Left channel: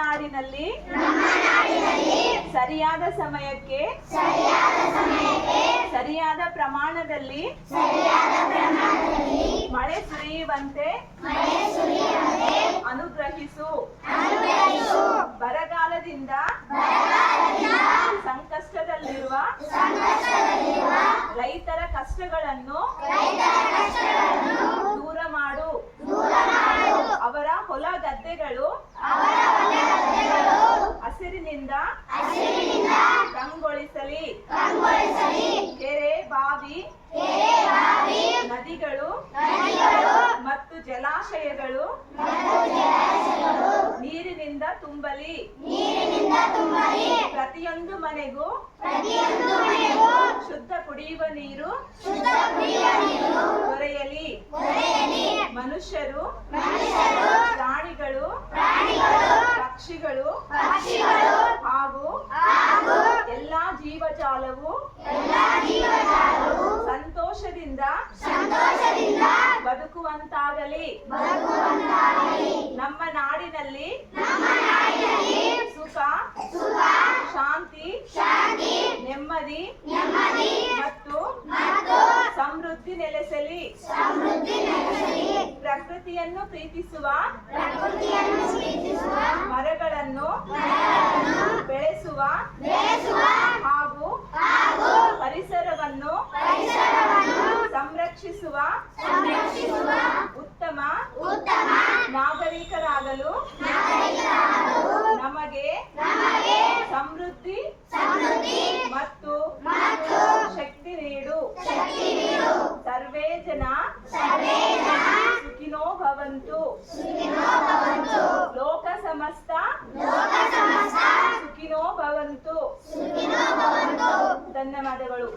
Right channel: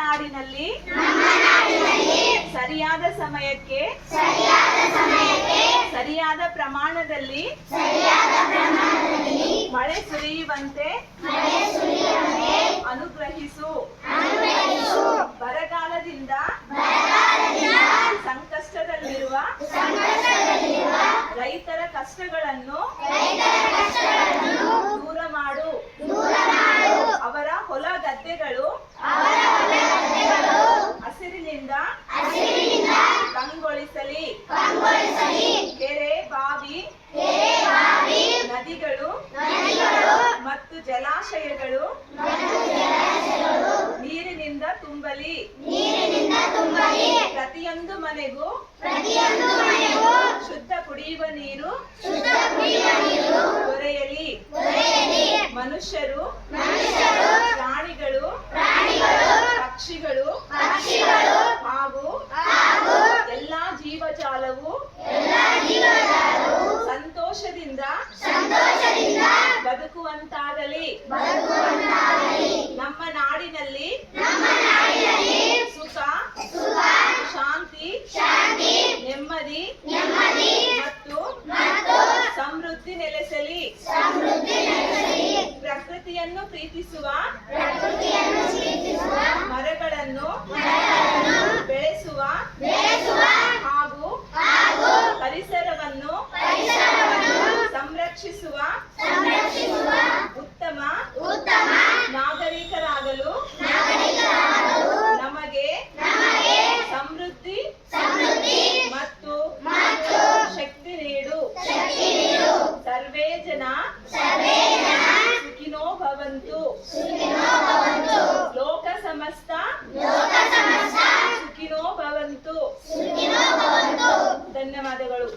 ನಾಡಿನಲ್ಲಿ ಸರಿಯಾದ ಸಮಯಕ್ಕೆ ಸರಿಯಾದ ಪ್ರಮಾಣದಲ್ಲಿ ಮಳೆ ಸುರಿಯುವಂತೆ ಅನುಗ್ರಹಿಸು. ಬರಗಾಲದಿಂದ ಸಂಕಷ್ಟದಲ್ಲಿರುವ ರೈತರ ಕಷ್ಟಗಳನ್ನು ದೂರ ಮಾಡು. ಅವರ ಹೊಲ ಗದ್ದೆಗಳು ಹಸಿರಿನಿಂದ ಕಂಗೊಳಿಸಲಿ. ಕೆರೆ ಬಾವಿ ನದಿಗಳು ಮತ್ತು ಜಲಾಶಯಗಳು ನೀರಿನಿಂದ ತುಂಬಲಿ. ಪ್ರತಿಯೊಂದು ಮನೆಗೂ ಶುದ್ಧ ಕುಡಿಯುವ ನೀರು ದೊರೆಯಲಿ. ಮನುಷ್ಯರು ಪ್ರಾಣಿಗಳು ಪಕ್ಷಿಗಳು ಹಾಗೂ ಎಲ್ಲಾ ಜೀವಜಾಲವು ಸಂತೋಷದಿಂದ ಬದುಕುವಂತಾಗಲಿ. ನಮ್ಮ ನಾಡಿನಲ್ಲಿ ಸುಖ ಶಾಂತಿ ನೆಮ್ಮದಿ ಮತ್ತು ಸಮೃದ್ಧಿ ನೆಲೆಸಲಿ. ಪ್ರಕೃತಿಯನ್ನು ಪ್ರೀತಿಸುವ ಮರಗಳನ್ನು ಬೆಳೆಸುವ ಹಾಗೂ ಪರಿಸರವನ್ನು ಸಂರಕ್ಷಿಸುವ ಉತ್ತಮ ನಾಗರಿಕರಾಗಲು ನಮಗೆ ಸಮೃದ್ಧಿ ಮತ್ತು ಶಕ್ತಿ ನೀಡು. ಸರ್ವೇ ಜನ ಸುಖಿನೋ ಭವಂತು. ಲೋಕ ಸಮಸ್ತ ಸುಖಿನೋ ಭವಂತು. ಧನ್ಯವಾದಗಳು.